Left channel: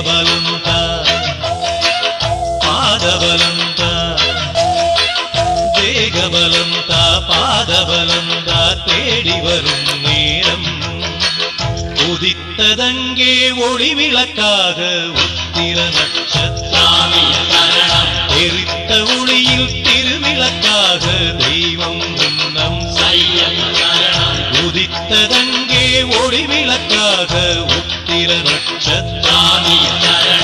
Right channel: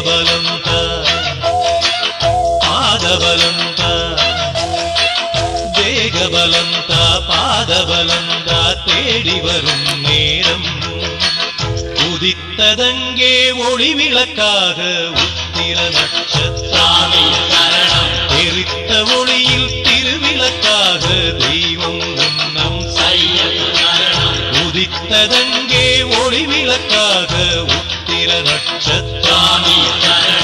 தேகபலந்த பாதபலந்த தேகபலந்த பாதபலந்த தேடி வரும் நேரம் உதித்ததங்கே ஒளி விளக்காக உத்திர நட்சத்திரம் எரித்த ஒளியில் திருவிளக்காக தெய்வம் உன்னம் உதித்ததங்கே ஒளி விளக்காக உத்திர நட்சத்திரம்